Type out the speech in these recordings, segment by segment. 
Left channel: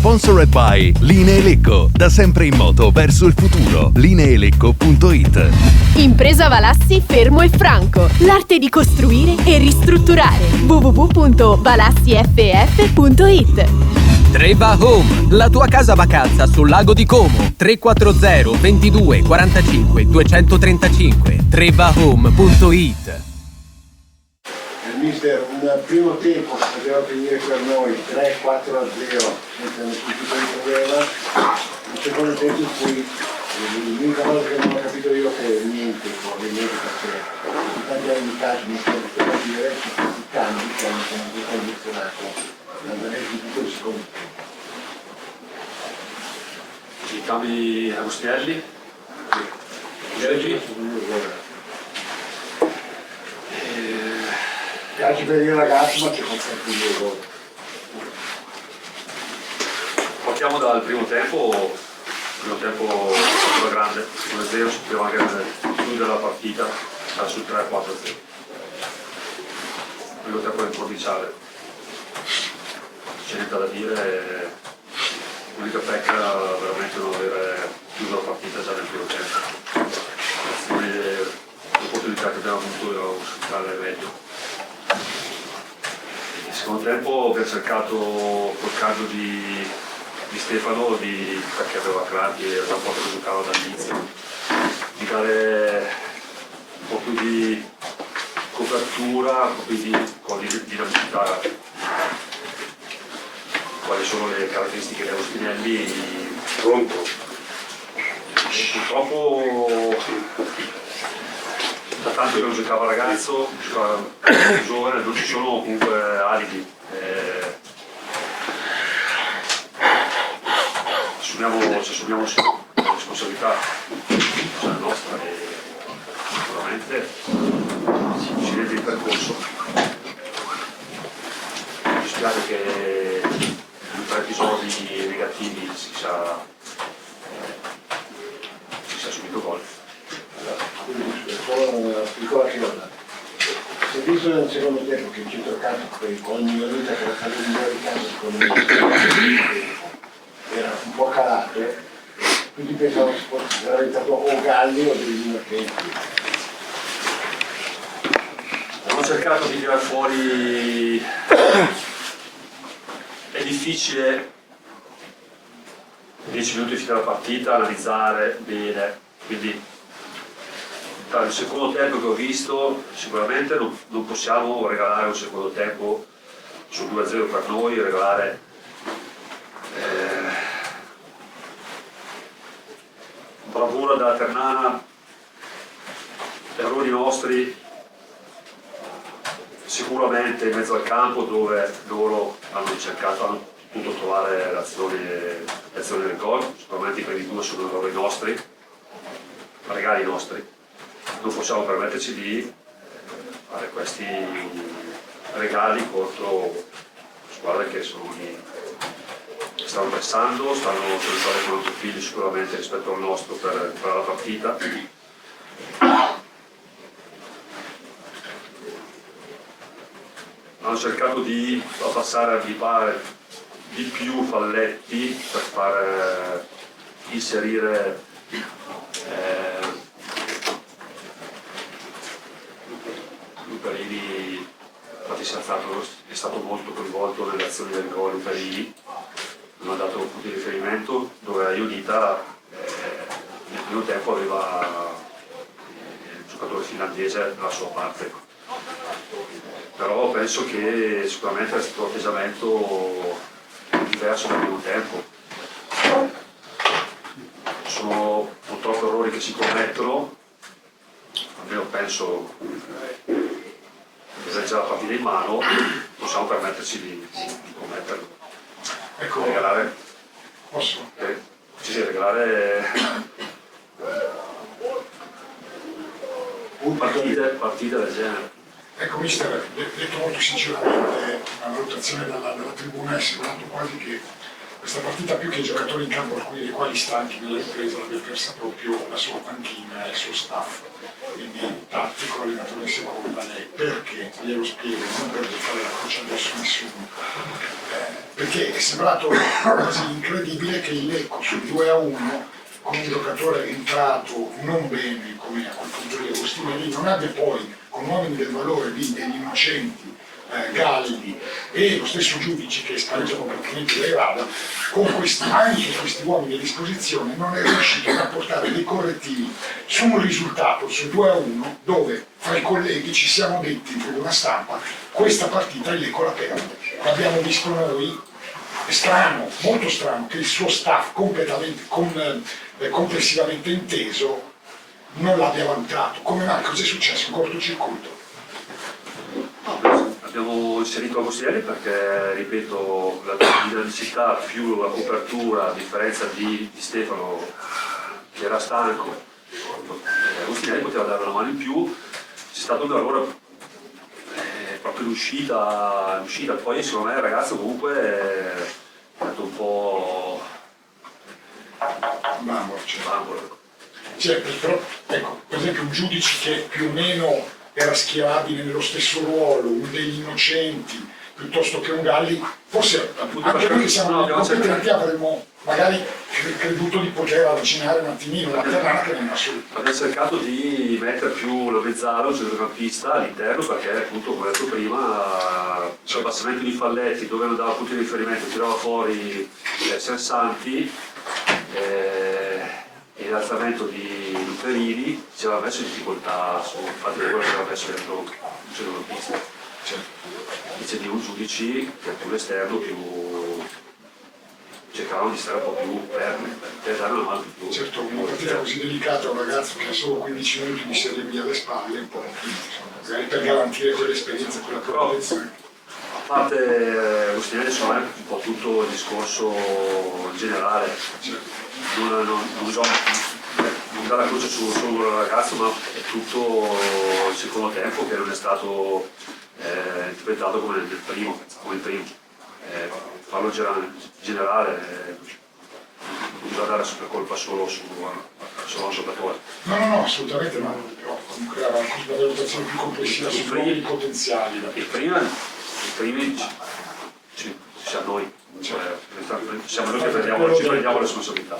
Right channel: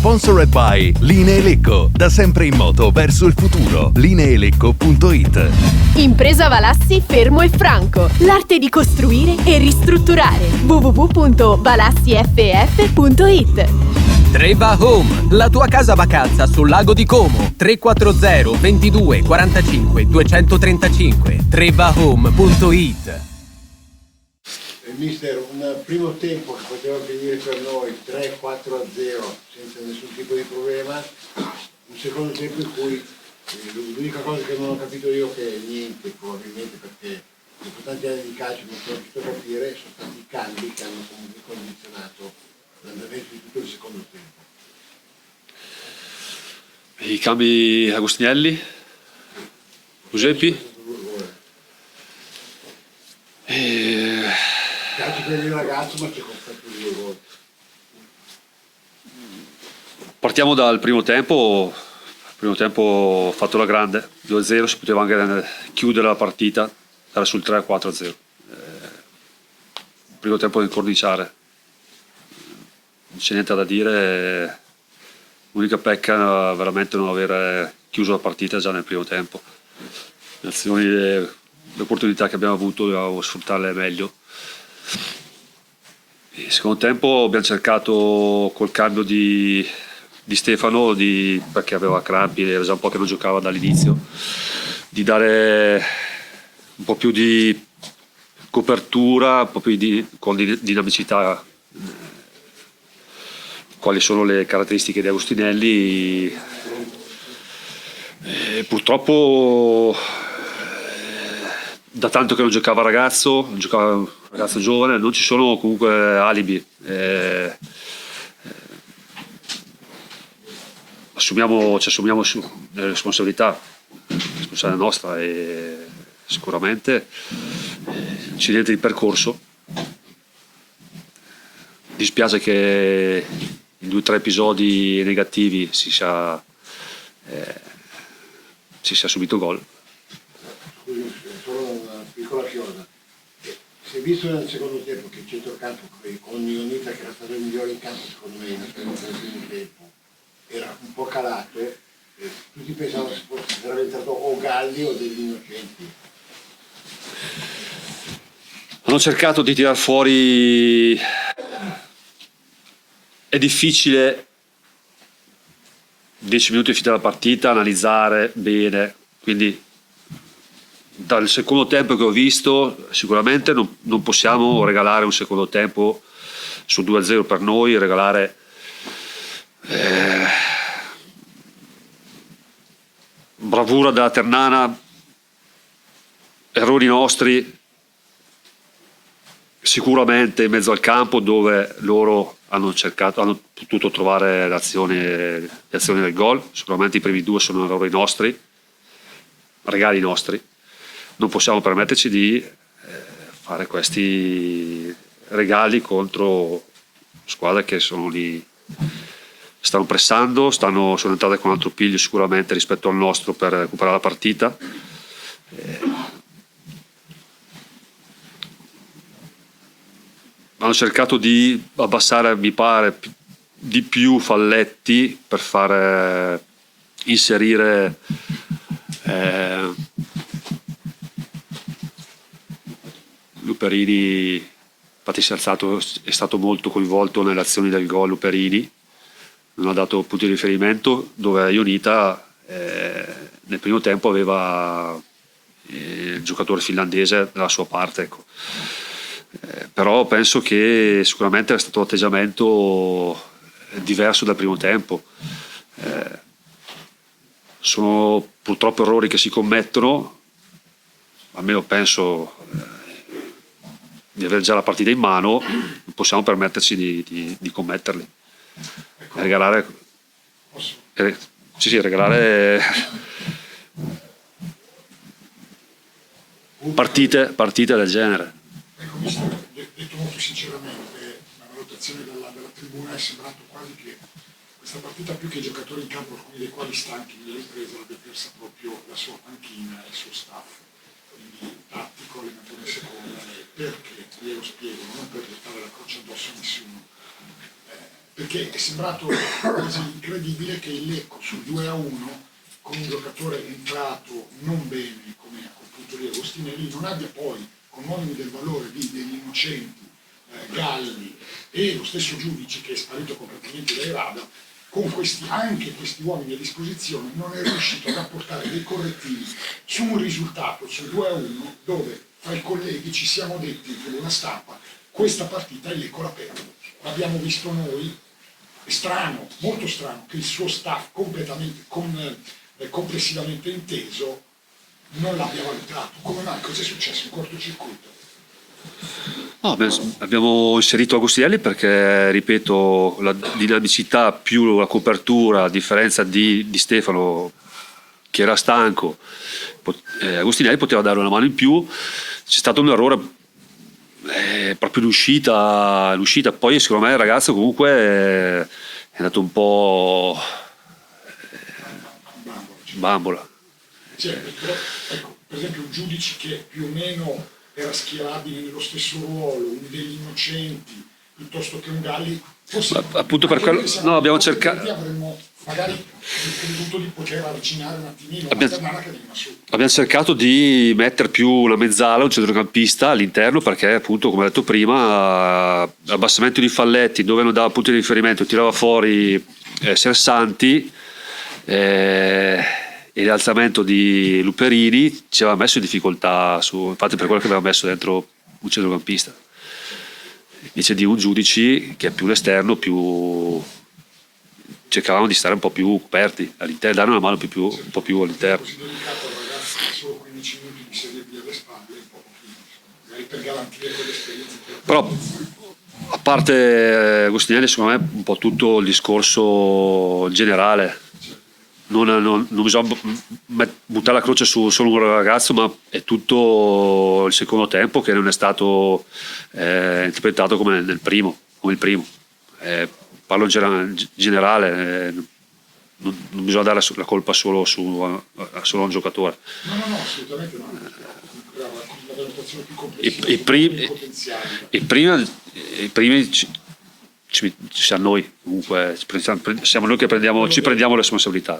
Sponsored by Linee Lecco, da sempre in moto verso il futuro. Lineelecco.it. Impresa Valassi Fermo e Franco, l'arte di costruire e ristrutturare. www.valassiff.it. Treva Home, la tua casa vacanza sul lago di Como. 340 22 45 235. trevahome.it. Mister, un primo tempo poteva venire per noi 3-4-0 senza nessun tipo di problema. Un secondo tempo in cui l'unica cosa che non ho capito io è che niente, probabilmente perché in tanti anni di calcio mi sono visto capire che questi cambi che hanno comunque condizionato l'andamento di tutto il secondo tempo. I cambi Agostinelli, Giuseppi. Calcio per il ragazzo, ma che concetti di gol. Partiamo dal primo tempo. Il primo tempo ha fatto la grande, 2-0, si poteva anche chiudere la partita, era sul 3-4-0. Il primo tempo da incorniciare, non c'è niente da dire, l'unica pecca era veramente non aver chiuso la partita già nel primo tempo. Le azioni, le opportunità che abbiamo avuto dobbiamo sfruttarle meglio. Nel secondo tempo abbiamo cercato col cambio di Stefano, perché aveva crampi, era già un po' che non giocava dall'inizio, di dare un po' più di copertura, un po' più con dinamicità. Quali sono le caratteristiche di Agostinelli? E purtroppo da tanto che non giocava ragazzo giovane, non ci sono comunque alibi. Ci assumiamo delle responsabilità, la nostra, e sicuramente incidente di percorso. Mi dispiace che in 2 o 3 episodi negativi si sia subito gol. Solo una piccola cosa. Si è visto nel secondo tempo che il centrocampo con ogni minuta che era stato il migliore di campo, secondo me era un po' calato, tutti pensavano che fosse realizzato o Galli o dei Marchetti. Hanno cercato di tirar fuori, è difficile 10 minuti di finire la partita, analizzare bene, quindi dal secondo tempo che ho visto sicuramente non possiamo regalare un secondo tempo sul 2-0 per noi, regalare bravura della Ternana, errori nostri sicuramente in mezzo al campo, dove loro hanno potuto trovare le azioni del gol. Sicuramente i primi 2 sono errori nostri, regali nostri. Non possiamo permetterci di fare questi regali contro squadre che sono lì, stanno pressando, sono entrate con un altro piglio sicuramente rispetto al nostro per recuperare la partita. Hanno cercato di abbassare, mi pare, di più falletti per far inserire Luperini. Infatti è stato molto coinvolto nelle azioni del gol Luperini, non ha dato punti di riferimento, dove Ionita nel primo tempo aveva il giocatore finlandese dalla sua parte, ecco. Però penso che sicuramente era stato un atteggiamento diverso dal primo tempo. Sono purtroppo errori che si commettono, almeno penso di avere già la partita in mano, non possiamo permetterci di commetterlo. Ecco, regalare posso? Regalare partite del genere. Ecco, mister, detto molto sinceramente, la valutazione dalla tribuna è sembrato quasi che questa partita, più che i giocatori in campo, alcuni dei quali stanchi nella ripresa, l'abbia persa proprio la sua panchina e il suo staff. Quindi tattico, allenatore seconda, lei perché? Glielo spiego, non per fare la croce addosso a nessuno. perché è sembrato quasi incredibile che il Lecco sul 2-1 con un giocatore entrato non bene come a quel punto di Agostinelli non abbia poi con uomini del valore lì degli innocenti Galli e lo stesso Giudici che spareggiano praticamente dai radar, con anche questi uomini a disposizione non è riuscito a portare dei correttivi su un risultato sul 2-1 dove fra i colleghi ci siamo detti per una stampa questa partita il Lecco la perde. L'abbiamo visto noi, è strano, molto strano che il suo staff completamente complessivamente inteso non l'abbia valutato. Come mai? Cos'è successo? Un cortocircuito? No, abbiamo inserito Agostinelli perché, ripeto, la dinamicità più la copertura, a differenza di Stefano che era stanco, Agostinelli poteva dare una mano in più. C'è stato un errore proprio l'uscita, poi secondo me il ragazzo comunque è andato un po' bambola. Certo, però ecco, per esempio un Giudice che più o meno era schierabile nello stesso ruolo, uno degli innocenti, piuttosto che un Galli, forse appunto per quello abbiamo cercato. Avremmo magari creduto di poter avvicinare un attimino, abbiamo cercato di mettere più la mezzala, un centrocampista all'interno, perché appunto, come ho detto prima, abbassamento di Falletti, dove non dava punti di riferimento, tirava fuori Sersanti, e l'alzamento di Luperini ci aveva messo in difficoltà, infatti per quello che aveva messo dentro un centrocampista. Invece di un Giudici che è più l'esterno, cercavamo di stare un po' più aperti all'interno, dare una mano un po' più all'interno. È così delicato a un ragazzo che ha solo 15 minuti di Serie B alle spalle, un po' magari per garantire quell'esperienza, quella protezione. A parte Agostinelli, secondo me un po' tutto il discorso generale. Non bisogna buttare la croce su solo un ragazzo, ma è tutto il secondo tempo che non è stato interpretato come il primo. Parlo generale, non bisogna dare la colpa solo a un giocatore. No, assolutamente no, però comunque era una valutazione più complessiva potenziali. I primi ci siamo noi, comunque siamo noi che ci prendiamo le responsabilità.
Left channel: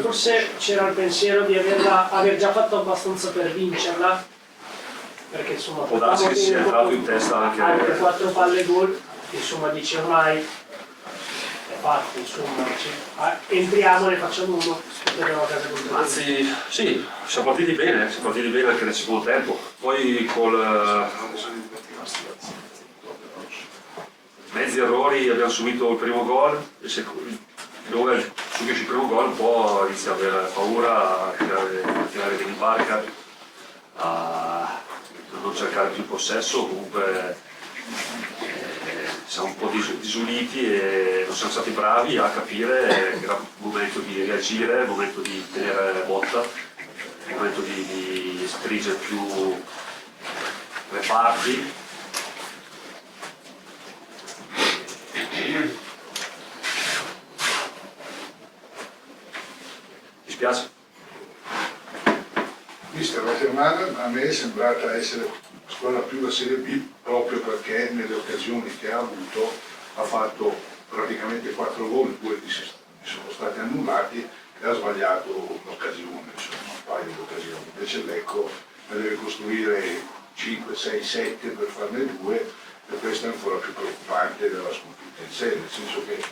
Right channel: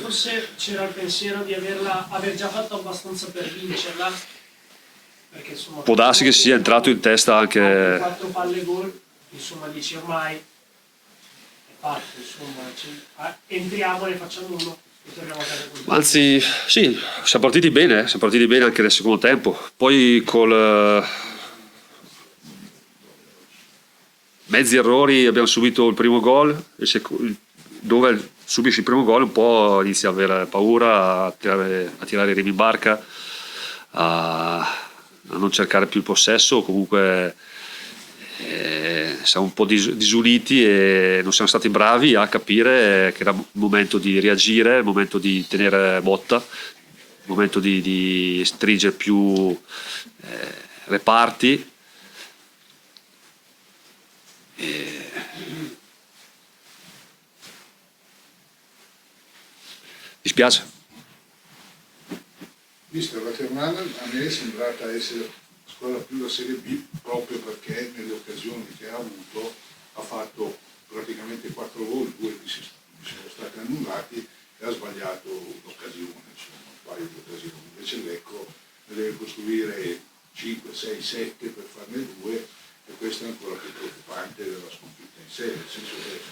Forse c'era il pensiero di aver già fatto abbastanza per vincerla, perché insomma può darsi che sia entrato in testa anche 4 palle gol, insomma dici ormai è fatto, insomma entriamo e ne facciamo uno, speriamo a casa col anzi sì, siamo partiti bene anche nel secondo tempo, poi col mezzi errori abbiamo subito il primo gol, dove subisci il primo gol un po' inizi a avere paura, a tirare i remi in barca, a non cercare più il possesso, comunque siamo un po' disuniti e non siamo stati bravi a capire che era il momento di reagire, il momento di tenere botta, il momento di stringere più le parti. Mi spiace. Mister, la Germania a me è sembrata essere la squadra più da Serie B proprio perché nelle occasioni che ha avuto ha fatto praticamente 4 gol, 2 sono stati annullati e ha sbagliato un'occasione, un paio di occasioni. Invece il Lecco ne deve costruire 5, 6, 7 per farne 2 e questo è ancora più preoccupante della sconfitta in sé, nel senso che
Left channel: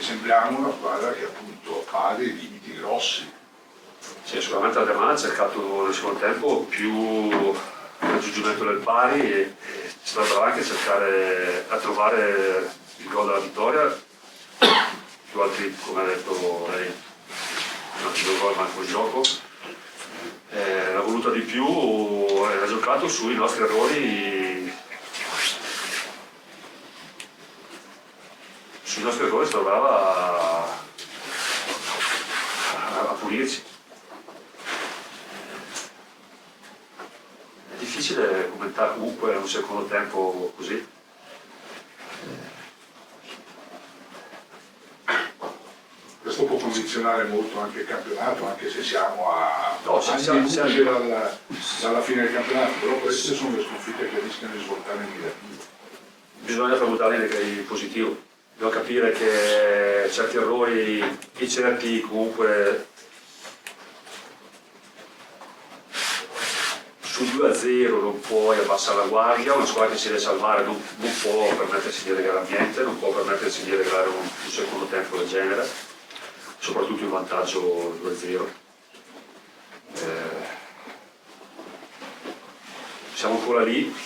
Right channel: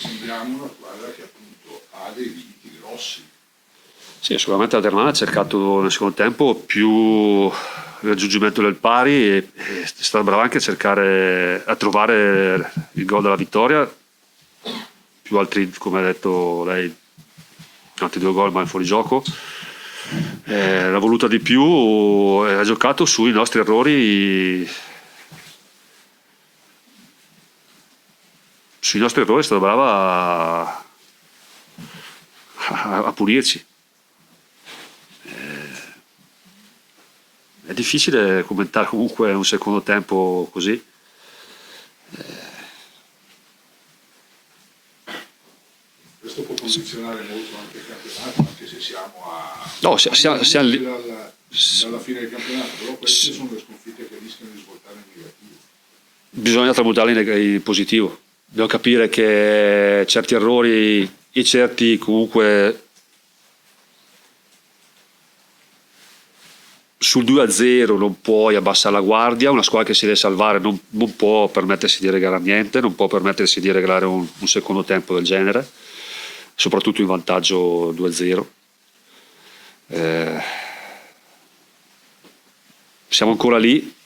sembriamo una squadra che appunto ha dei limiti grossi. Sì, sicuramente la Germania ha cercato nel secondo tempo più il raggiungimento del pari e è stata brava anche a trovare il gol della vittoria, più altri, come ha detto lei, altri 2 gol ma in fuorigioco. L'ha voluta di più, ha giocato sui nostri errori. Sui nostri errori è stata brava a pulirci. È difficile commentare comunque un secondo tempo così. Questo può condizionare molto anche il campionato, anche se siamo a No, siamo dalla fine del campionato, però queste sono le sconfitte che rischiano di svoltare in negativo. bisogna tramutarli in positivo. Devo capire che certi errori e certi comunque sul 2-0 non puoi abbassare la guardia, una squadra che si deve salvare non può permettersi di regalare niente, non può permettersi di regalare un secondo tempo del genere, soprattutto in vantaggio 2-0. Siamo ancora lì.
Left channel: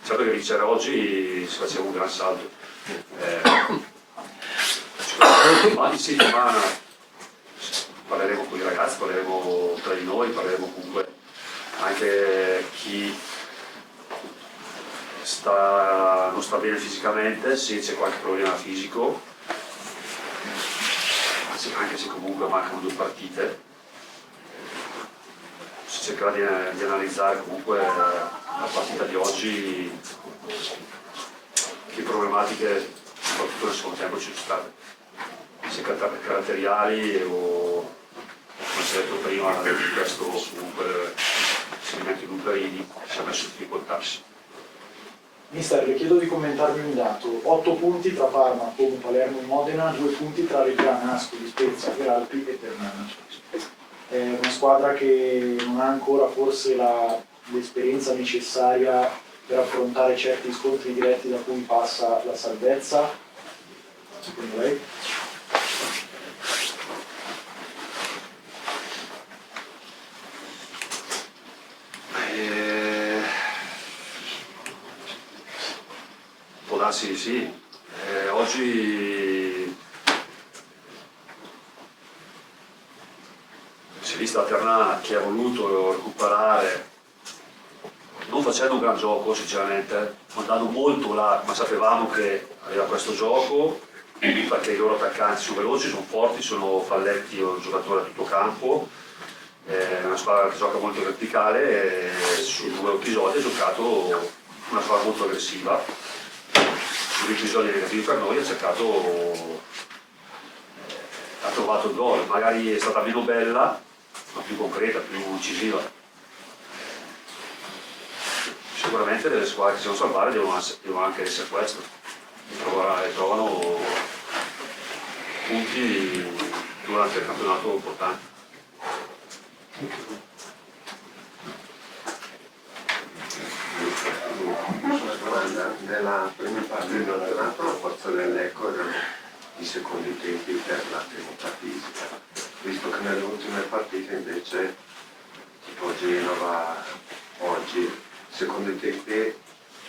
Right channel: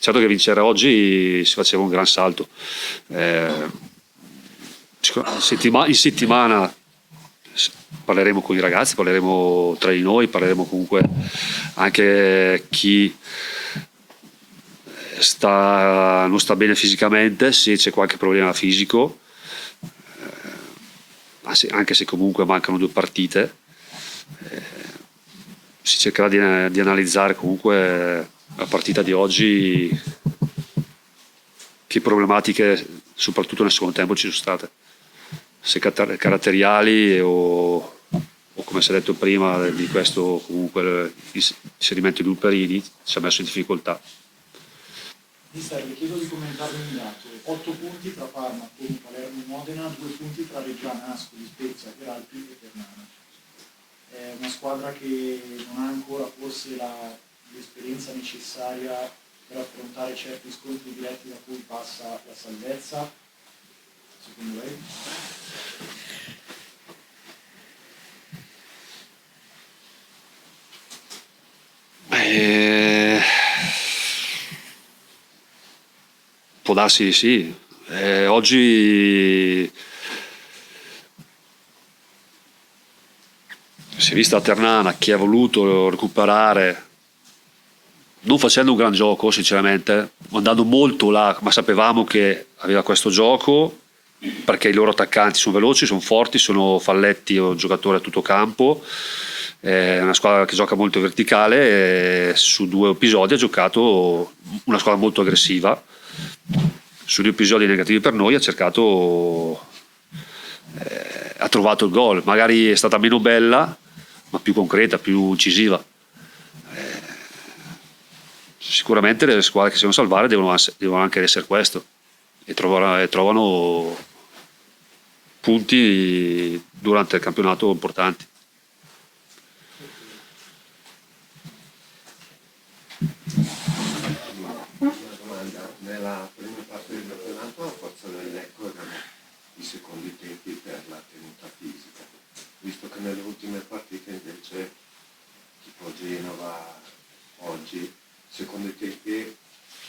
Certo che vincere oggi si faceva un gran salto. In settimana parleremo con i ragazzi, parleremo tra di noi, parleremo comunque anche chi non sta bene fisicamente, se c'è qualche problema fisico, anche se comunque mancano 2 partite. Si cercherà di analizzare comunque la partita di oggi, che problematiche soprattutto nel secondo tempo ci sono state, se caratteriali o come si è detto prima di questo comunque l'inserimento di Luperini si è messo in difficoltà. Mister, le chiedo di commentarmi un dato: 8 punti tra Parma, Como, Palermo e Modena, 2 punti tra Reggiana, Ascoli, Spezia, Alpi e Ternana. È una squadra che non ha ancora forse l'esperienza necessaria per affrontare certi scontri diretti da cui passa la salvezza, secondo lei? Può darsi sì. Oggi si è vista a Ternana chi ha voluto recuperare, non facendo un gran gioco sinceramente, andando molto là, ma sapevamo che aveva questo gioco perché i loro attaccanti sono veloci, sono forti, sono Falletti, è un giocatore a tutto campo, è una squadra che gioca molto verticale, e su 2 episodi ha giocato una squadra molto aggressiva. Su 2 episodi negativi per noi ha trovato il gol, magari è stata meno bella ma più concreta, più incisiva. Sicuramente le squadre che si devono salvare devono anche essere questo, e trovano punti durante il campionato importanti. Nella prima parte del campionato la forza del Lecco erano i secondi tempi per la tenuta fisica, visto che nelle ultime partite invece tipo Genova oggi secondo i tempi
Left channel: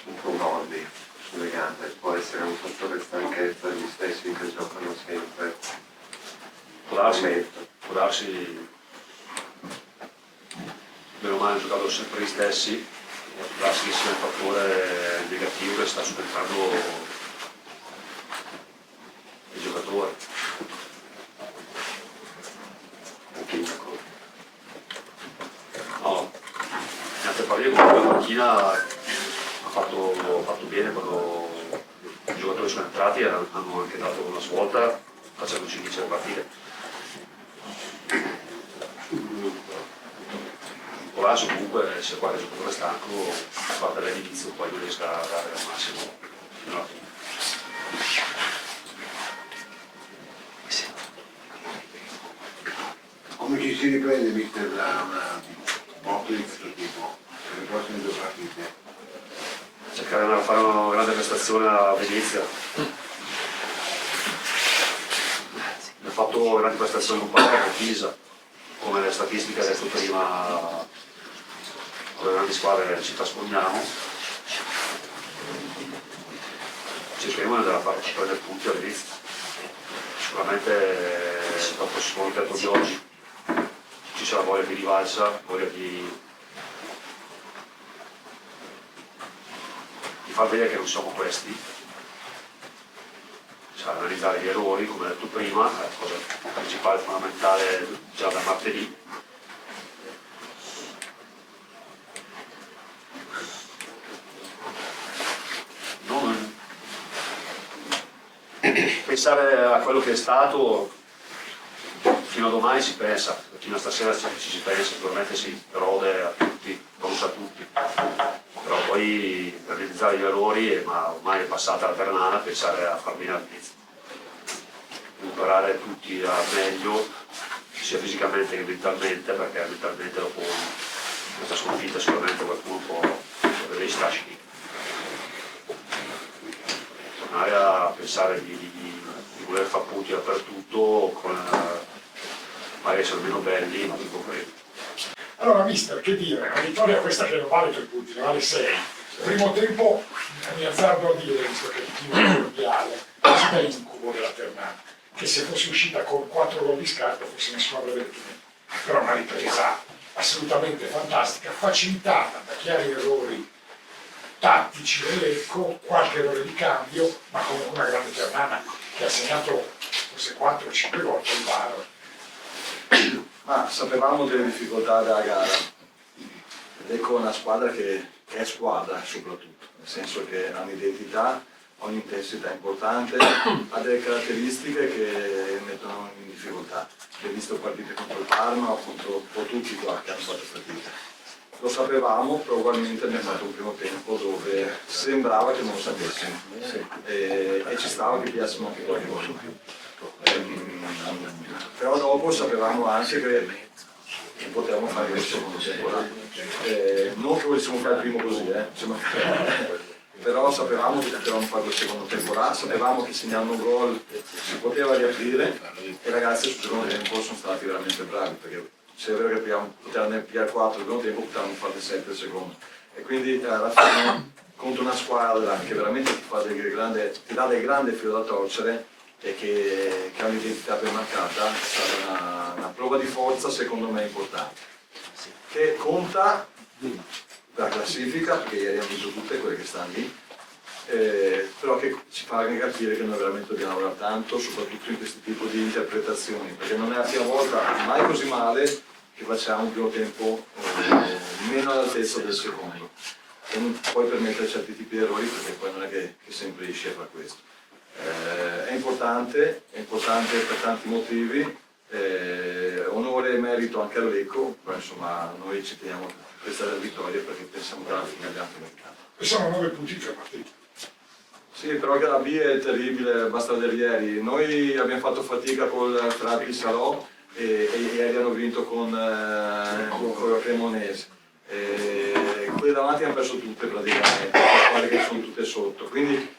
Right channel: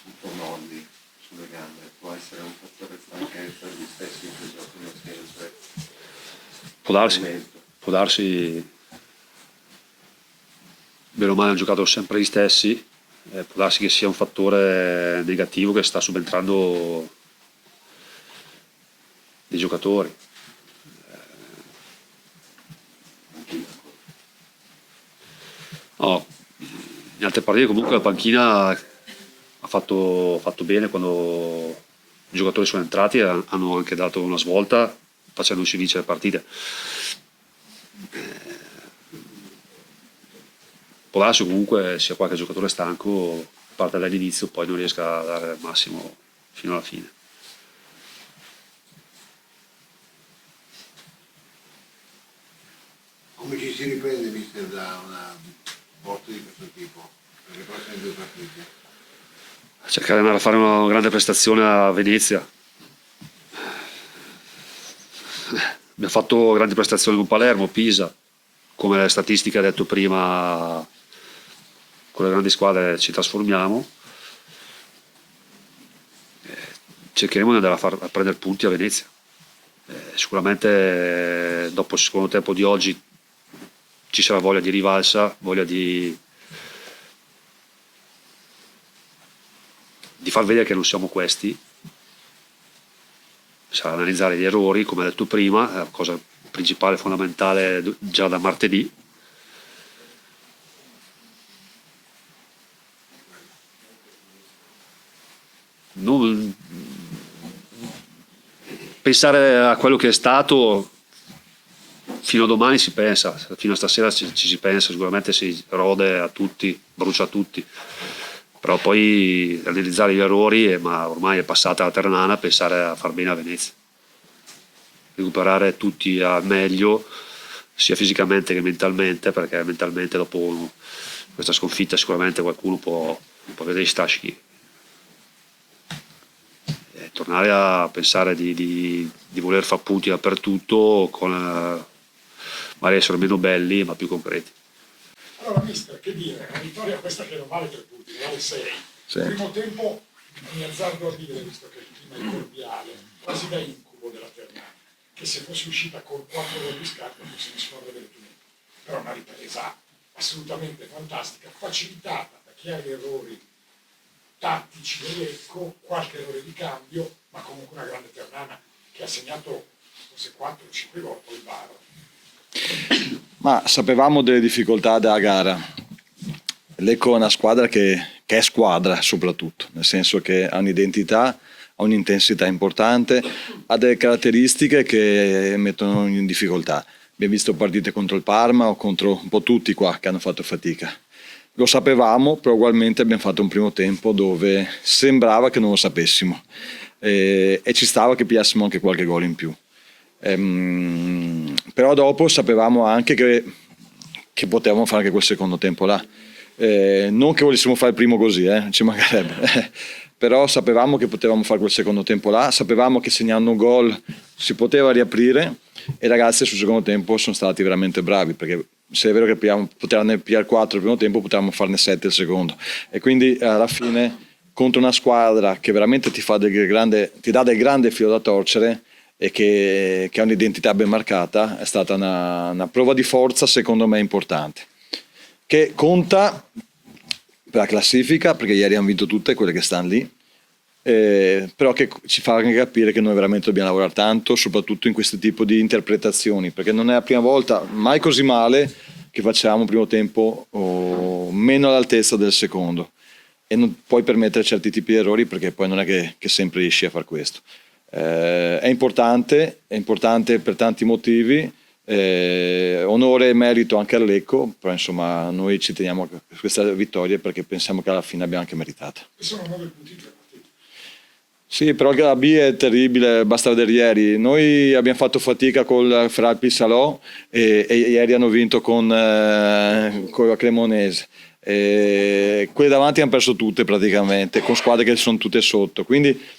un po' molli sulle gambe, può essere un fattore stanchezza gli stessi che giocano sempre. Può darsi, bene o male hanno giocato sempre gli stessi. Può darsi che sia un fattore negativo che sta subentrando dei giocatori. No, in altre partite comunque la panchina ha fatto bene quando i giocatori sono entrati e hanno anche dato una svolta facendoci vincere le partite. Può darsi comunque sia qualche giocatore stanco, parte dall'inizio, poi non riesca a dare il massimo fino alla fine. Come ci si riprende, mister, da una botta di questo tipo per le prossime 2 partite? Cercare di fare una grande prestazione a Venezia. Abbiamo fatto grandi prestazioni con Palermo, Pisa, come statistica ha detto prima, con le grandi squadre ci trasformiamo. Cercheremo di andare a prendere punti a Venezia. Sicuramente dopo il secondo tempo di oggi ci sarà voglia di rivalsa, voglia di far vedere che non siamo questi. Sarà analizzare gli errori, come detto prima, è la cosa principale, fondamentale già da martedì. Non pensare a quello che è stato, fino a domani si pensa, fino a stasera ci si pensa, sicuramente si rode a tutti, brucia a tutti. Però poi analizzare gli errori, ma ormai è passata la Ternana, pensare a far bene a Venezia, recuperare tutti al meglio sia fisicamente che mentalmente, perché mentalmente dopo questa sconfitta sicuramente qualcuno può vedere i strascichi. Tornare a pensare di voler fare punti dappertutto, con magari essere meno belli ma più concreti. Allora, mister, che dire, una vittoria questa che non vale 3 punti, ne vale 6. Sì. Il primo tempo mi azzardo a dire, visto che il team è mondiale, quasi da incubo della Ternana, che se fosse uscita con 4 gol di scarto forse nessuno avrebbe detto niente. Però una ripresa assolutamente fantastica, facilitata da chiari errori tattici dell'Ecco, qualche errore di cambio, ma comunque una grande Ternana che ha segnato forse 4-5 gol col VAR. Ma sapevamo delle difficoltà della gara. L'Ecco è una squadra che è squadra soprattutto, nel senso che ha un'identità, ha un'intensità importante, ha delle caratteristiche che mettono in difficoltà. Abbiamo visto partite contro il Parma o contro un po' tutti qua che hanno fatto fatica. Lo sapevamo, però ugualmente abbiamo fatto un primo tempo dove sembrava che non lo sapessimo e ci stava che pigliassimo anche qualche gol in più. Però dopo sapevamo anche che potevamo fare anche quel secondo tempo là. Non che volessimo fare il primo così, ci mancherebbe. Però sapevamo che potevamo fare quel secondo tempo là, sapevamo che segnando un gol si poteva riaprire e i ragazzi sul secondo tempo sono stati veramente bravi, perché se è vero che potevano pigliare 4 il primo tempo, potevamo farne 7 il secondo, e quindi alla fine contro una squadra che veramente ti dà del grande filo da torcere e che ha un'identità ben marcata, è stata una prova di forza secondo me importante, che conta per la classifica, perché ieri hanno vinto tutte quelle che stanno lì, però che ci fa anche capire che noi veramente dobbiamo lavorare tanto, soprattutto in questo tipo di interpretazioni, perché non è la prima volta, mai così male, che facciamo un primo tempo meno all'altezza del secondo, e non puoi permettere certi tipi di errori, perché poi non è che sempre riesci a fare questo. È importante per tanti motivi, onore e merito anche all'Ecco, però insomma noi ci teniamo a questa vittoria perché pensiamo che alla fine abbiamo anche meritato. E sono 9 punti in 3 partite. Sì, però la B è terribile, basta vedere ieri. Noi abbiamo fatto fatica col Frappi Salò e ieri hanno vinto con la Cremonese. Quelle davanti hanno perso tutte praticamente, con squadre che sono tutte sotto. Quindi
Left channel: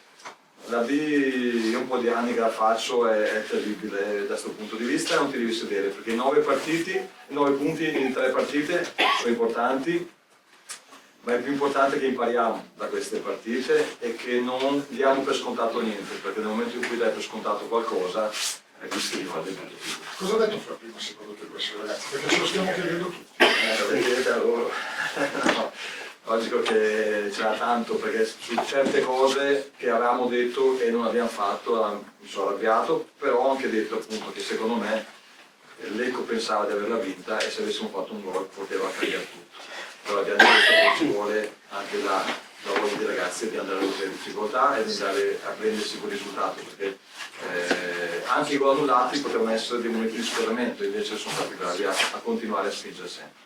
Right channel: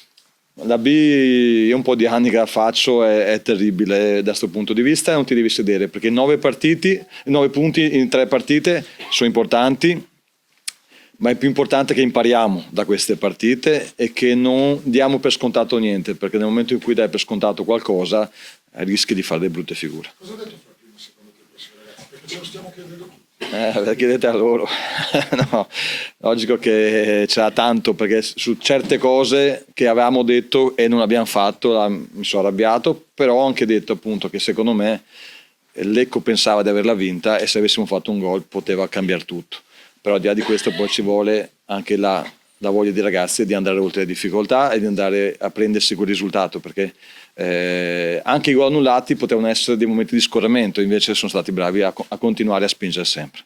la B, io un po' di anni che la faccio, è terribile da questo punto di vista, e non ti devi sedere, perché 9 punti in 3 partite sono importanti, ma è più importante che impariamo da queste partite e che non diamo per scontato niente, perché nel momento in cui dai per scontato qualcosa rischi di fare delle brutte figure. Cosa ha detto fra prima secondo te questi ragazzi? Perché ce lo stiamo chiedendo tutti. La chiedete a loro. No, logico che c'era tanto, perché su certe cose che avevamo detto e non abbiamo fatto mi sono arrabbiato, però ho anche detto appunto che secondo me l'Ecco pensava di averla vinta e se avessimo fatto un gol poteva cambiare tutto. Però al di là di questo poi ci vuole anche la voglia dei ragazzi di andare oltre le difficoltà e di andare a prendersi quel risultato, perché anche i gol annullati potevano essere dei momenti di scorrimento, invece sono stati bravi a continuare a spingere sempre.